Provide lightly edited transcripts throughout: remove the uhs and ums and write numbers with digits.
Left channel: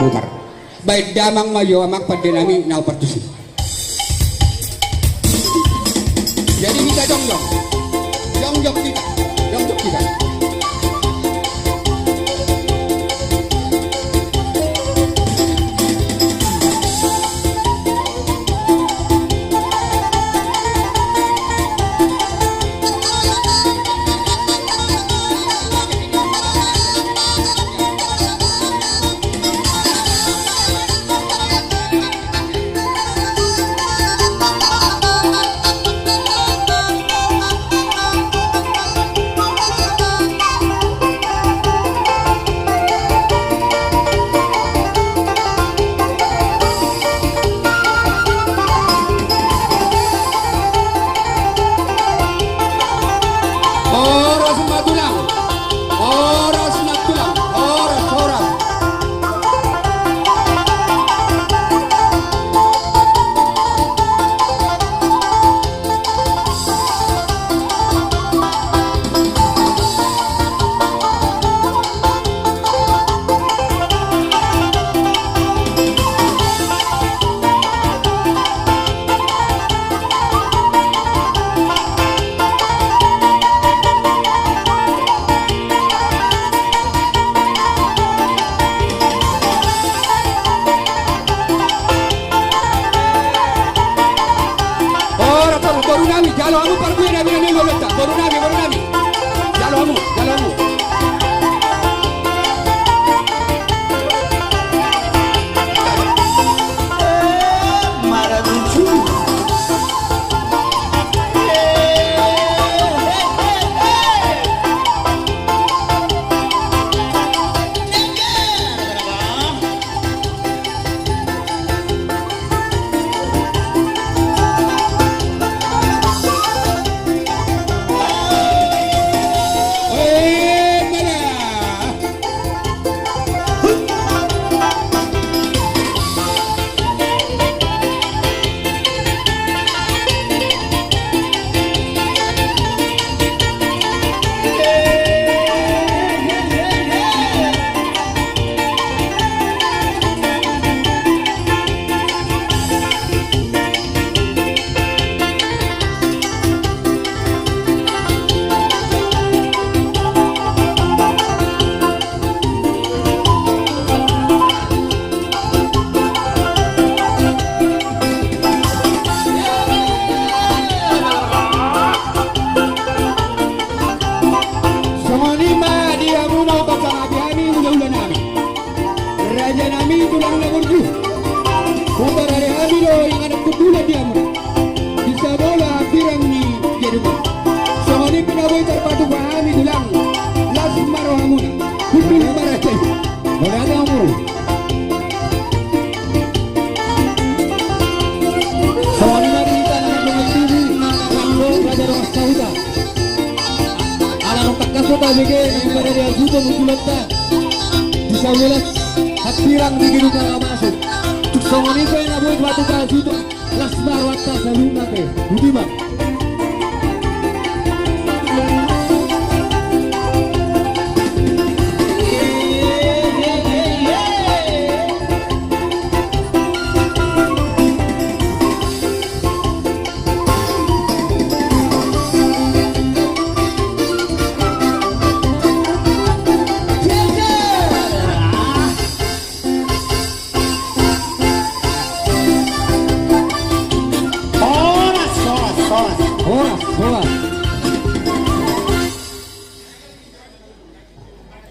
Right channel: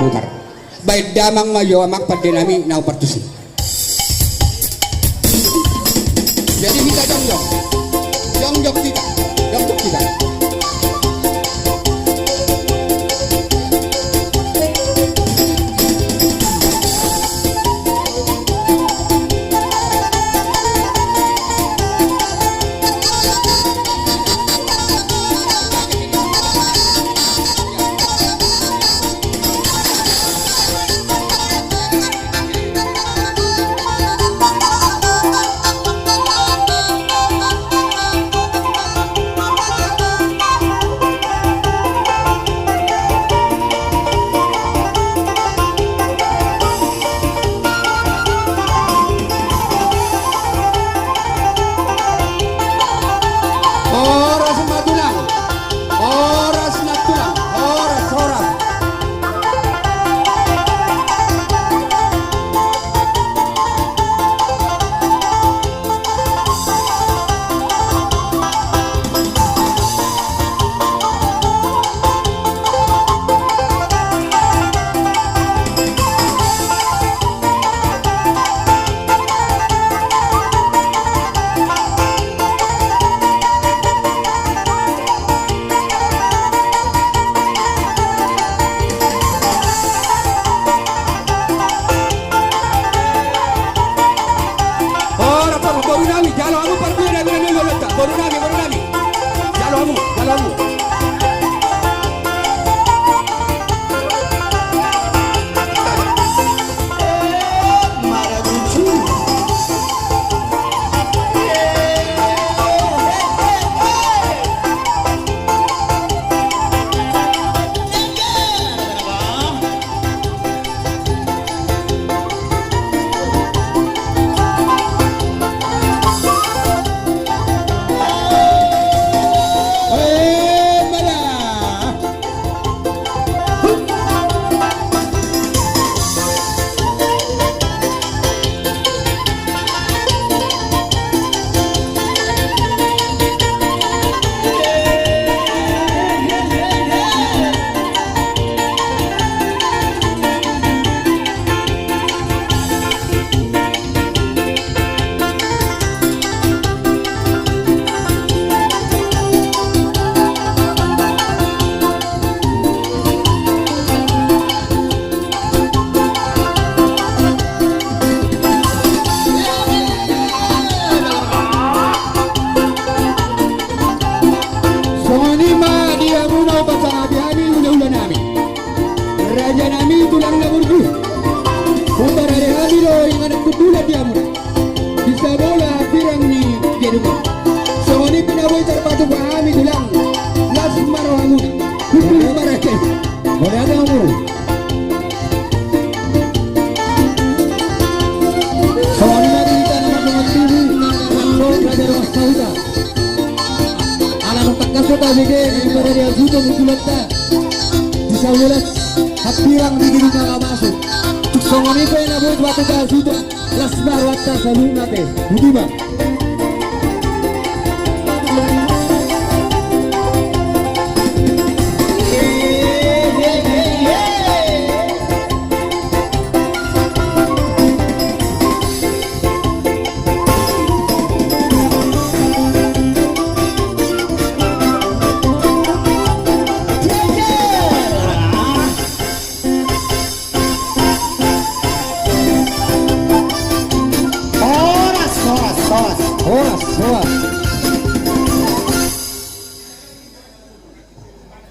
putar. Baik damang mayo amak pagdinami na partusi. Jadi kita jongjok kita, jongjok kita.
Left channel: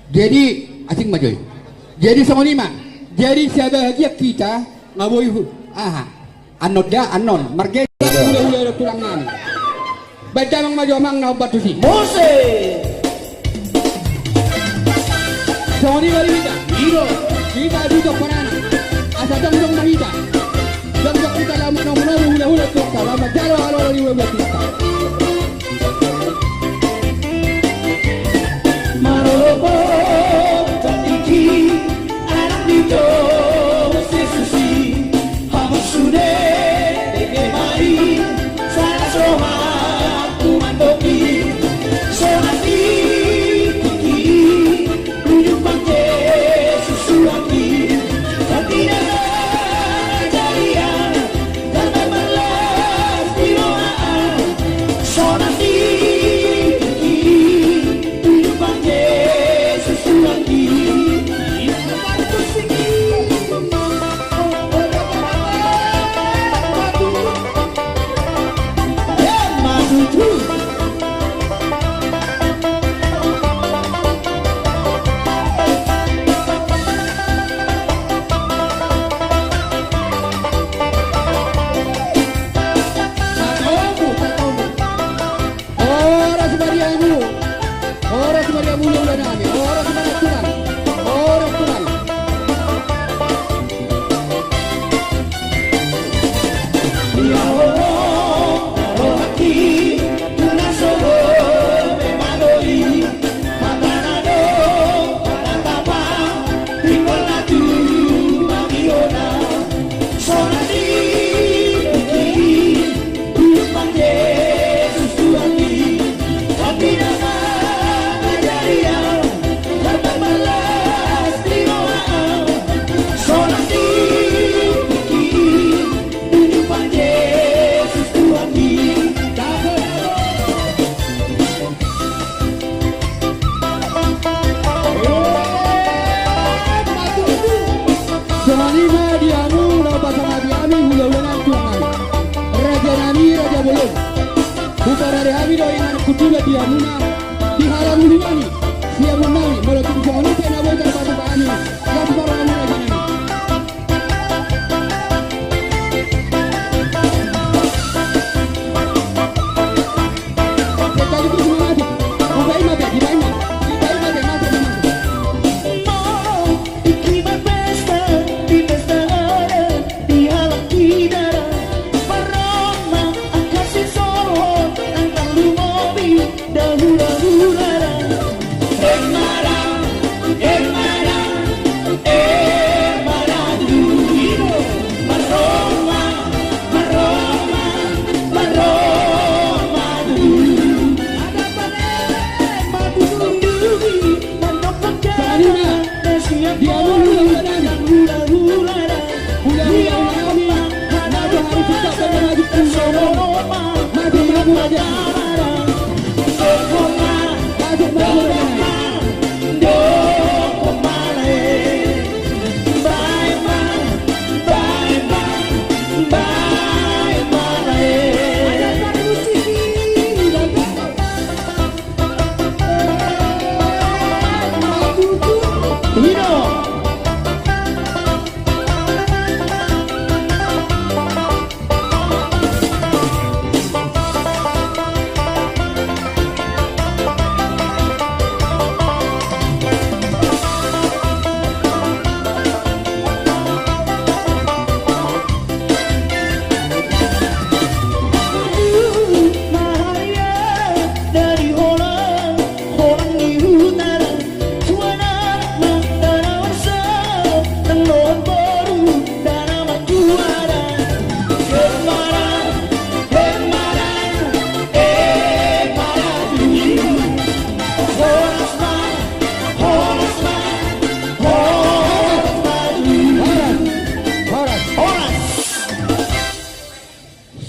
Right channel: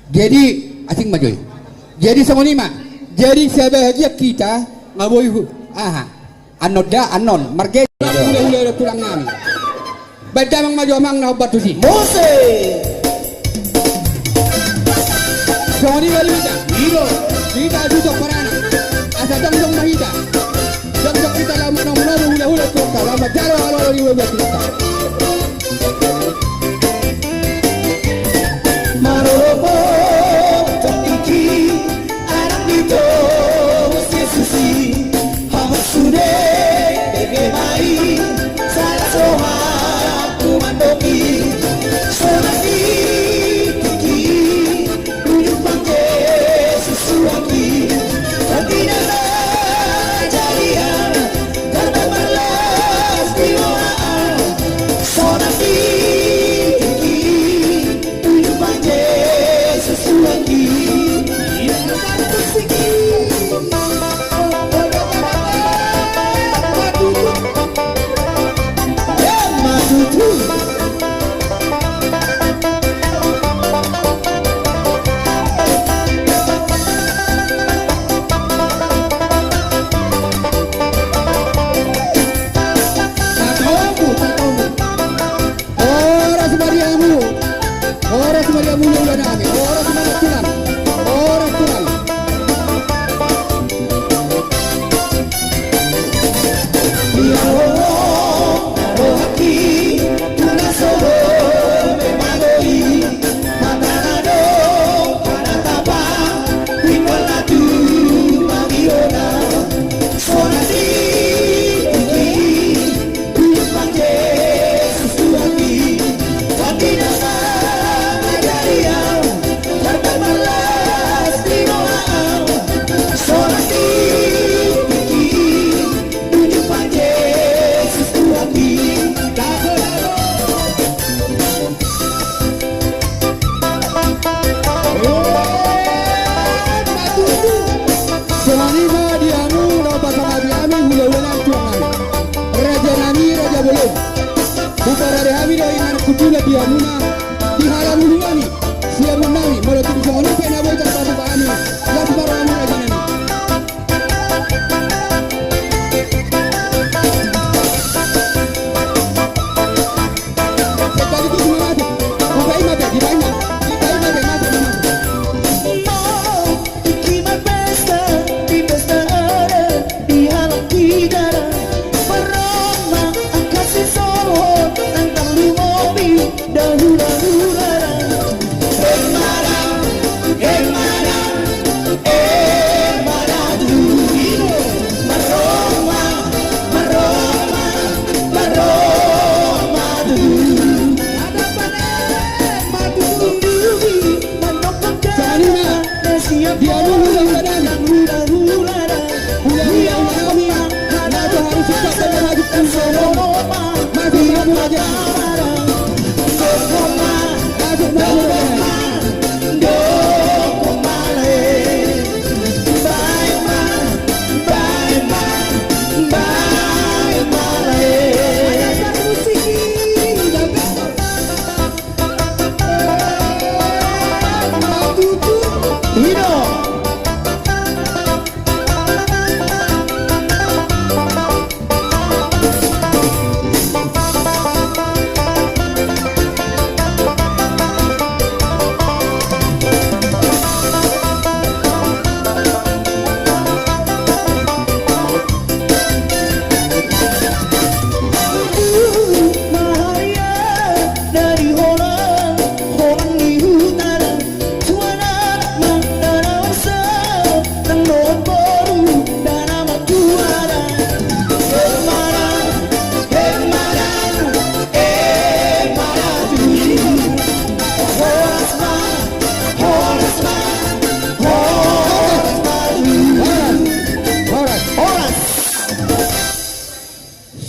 Jadi asing majoy. Jadi sama lima. Jadi saya bahagia kita ngaboy hu. Aha. Anoda anon. Marga udah kurang nami. Baca mang maju mang na batu si. Mose. Sama lima kita. Kita juga parani. Asa dong kita. Dong kita lama hula kita. Lama jalan kalau di wajah kita. Nang nomboru dan nama juara.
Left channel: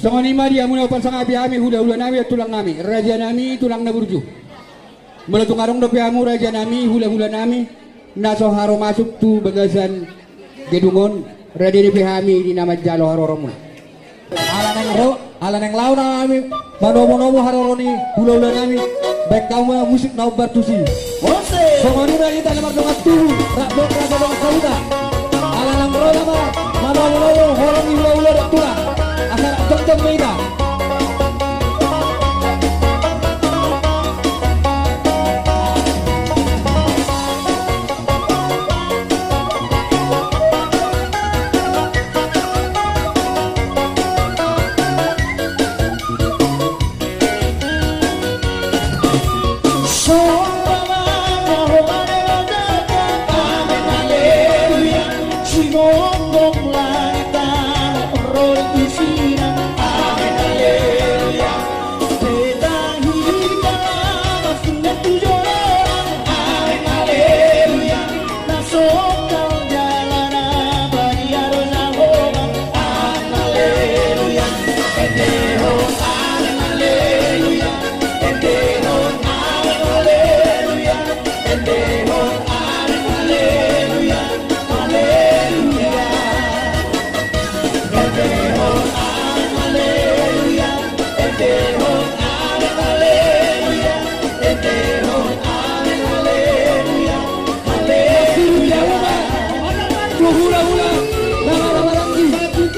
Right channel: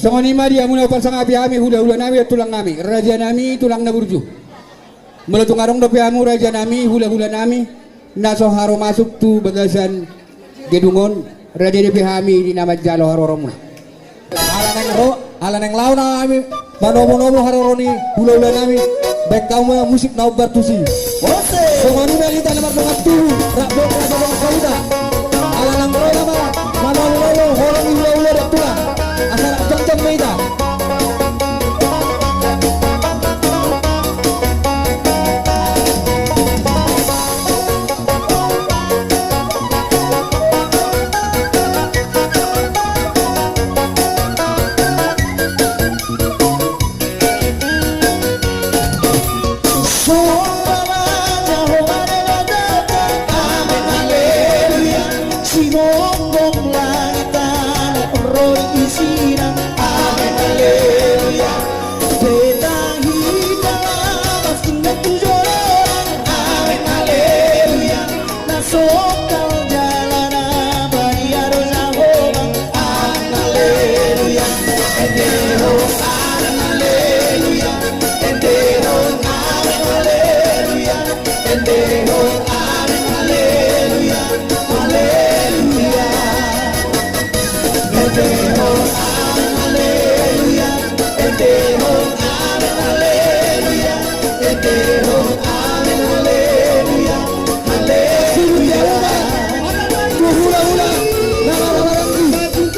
Songonima dia muna pasang api ami hula-hula nami tulang nami raja nami tulang na burju mula tungarong dapi amu raja nami hula-hula nami naso haro masuk tu bagasan gedungon raja dapi hami di nama jalo haroromu ala neng lau na ami manomo haroroni hula-hula nami baik kamu musik na bertusi songonima kita nomor tu rakbok yang sabang salita ala neng ro nama manomo horong hula-hula dak tulang asal jeng meida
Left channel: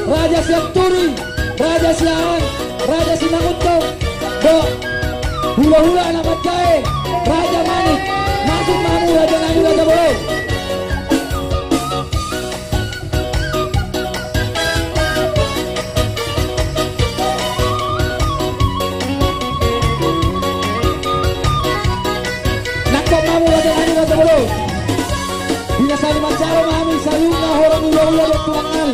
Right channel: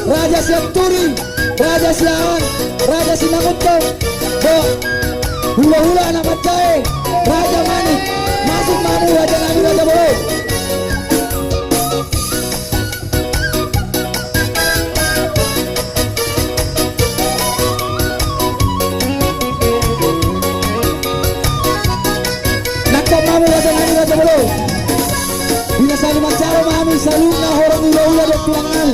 Raja Sianturi, Raja Silawan, Raja Simanguto, hula-hula anak Macai, Raja Manik, masuk mamu Raja Nabi Raja Boleh. Nakap mamu Raja Nabi Raja Boleh. Bila saling macara mamu salungna orang hula-hula bertuangan.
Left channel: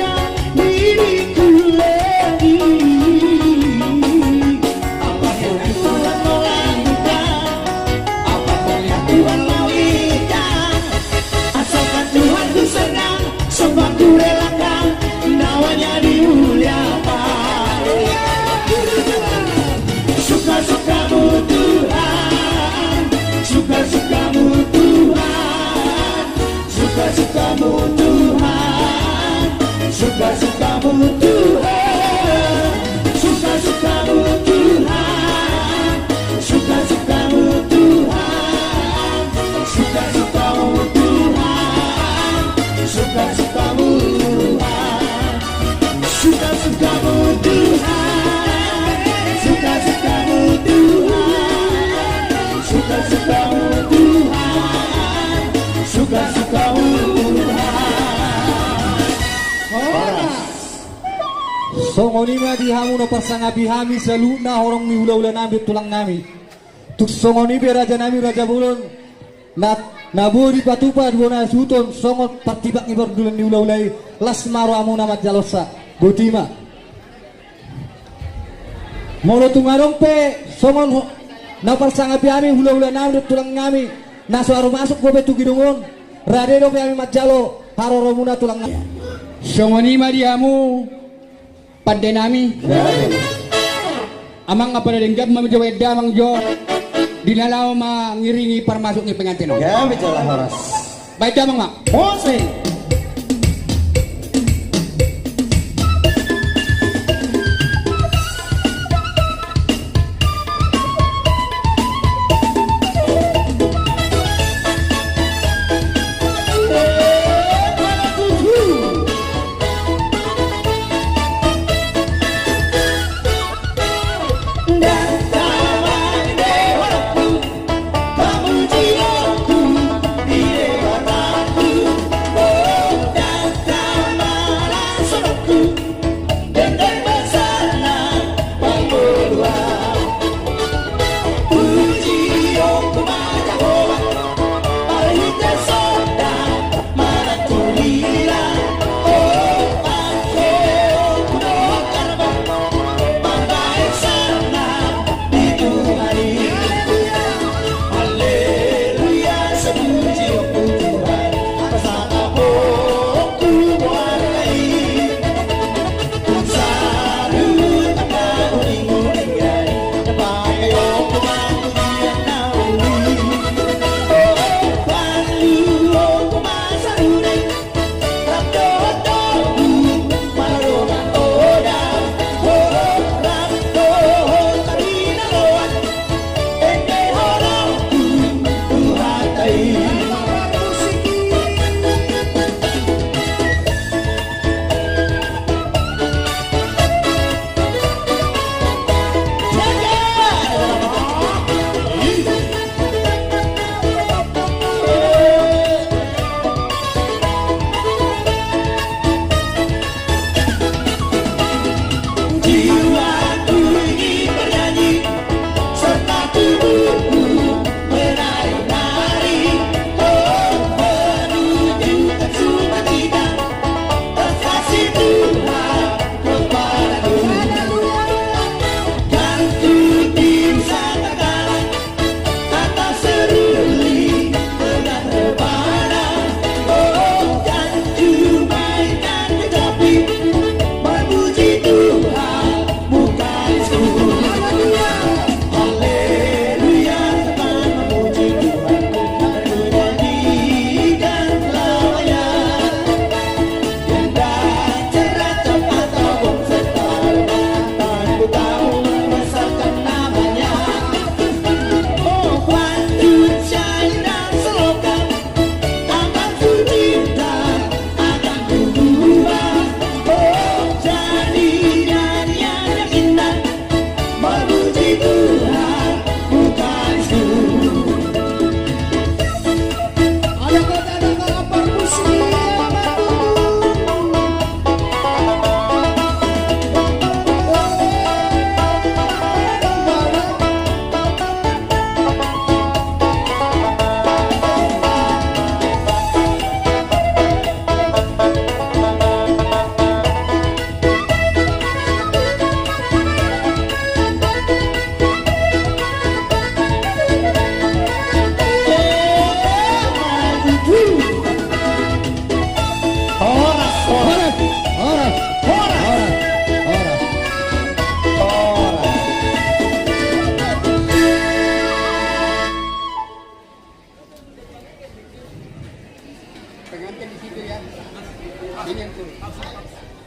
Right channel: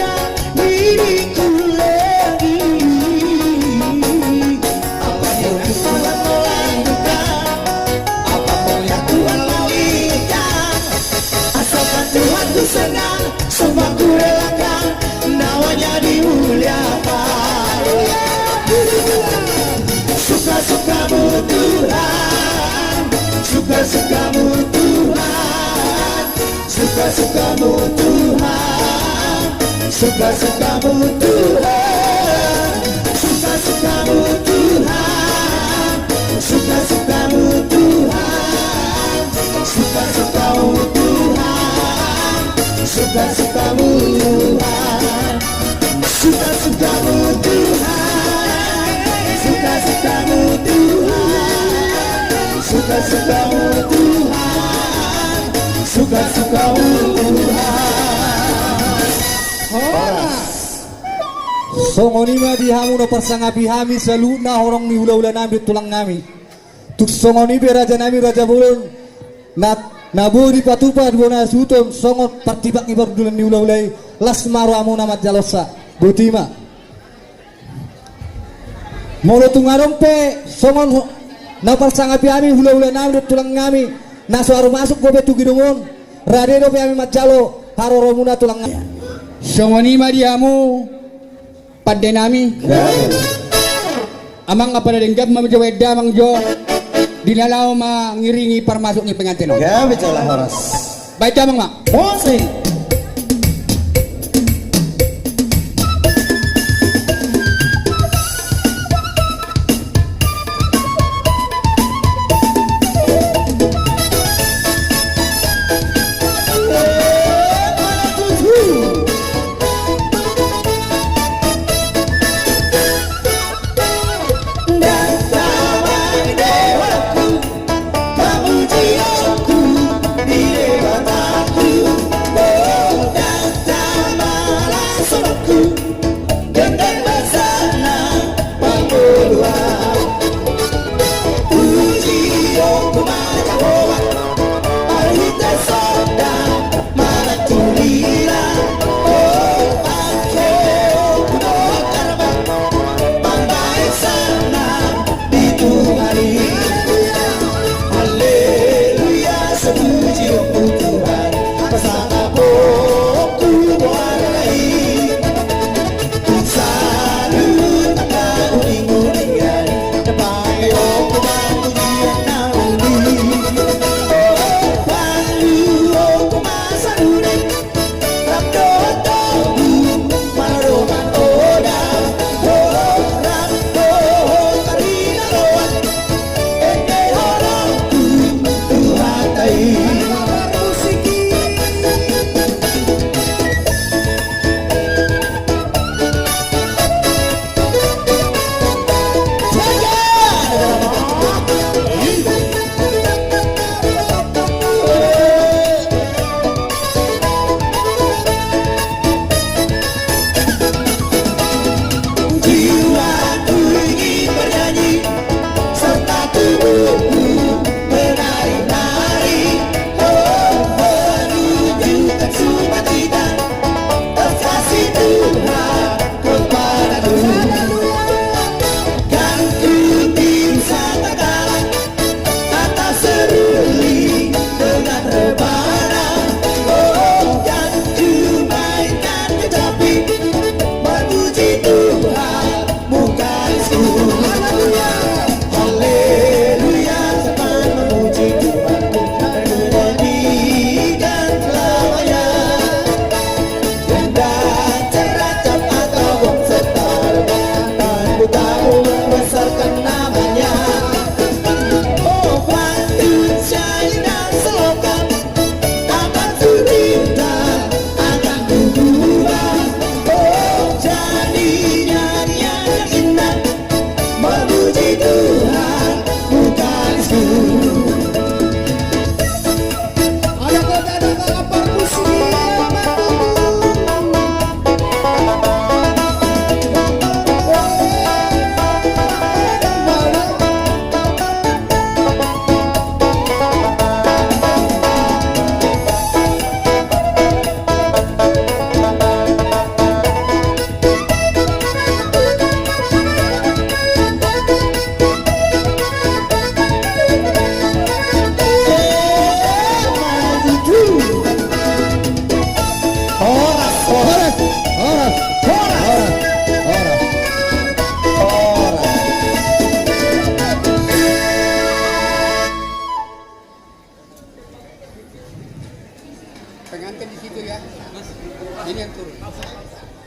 Sadarkan diriku lagi. Apa yang Tuhan mau lakukan, apa yang Tuhan mau inginkan, asalkan Tuhan ku senang, semua ku relakan, namanya dimuliakan. Suka-sukamu Tuhan, suka-sukamu Tuhan, suka-sukamu Tuhan, suka-sukamu Tuhan, suka-sukamu Tuhan, suka-sukamu Tuhan, suka-sukamu Tuhan, suka-sukamu Tuhan, suka-sukamu Tuhan, suka-sukamu Tuhan, suka-sukamu Tuhan, suka-sukamu Tuhan. Songonima dihamu no persangapi hami seluna orang mi hula-hula nami tulang nami. Tuk songoni be raja nami raja bulun. Naburi patupa dibona suton songot partibak ibor dulan ni hula-hulai lasmaro amu namat jalosa. Butima. Molo tungarong pe songon na persangapi hami hula-hula nami tulang nami. Naso aru masuk bobe tugidungun. Radero pe hami matjalo haroromuna tulang nami. Songonima diamu pada nami amang apa denggap mamjaweda mangjo dinalau mengiringi permasuknya pengantin. Ya bicara harus. Baik amang mak. Musik. ya. Ini yang turun.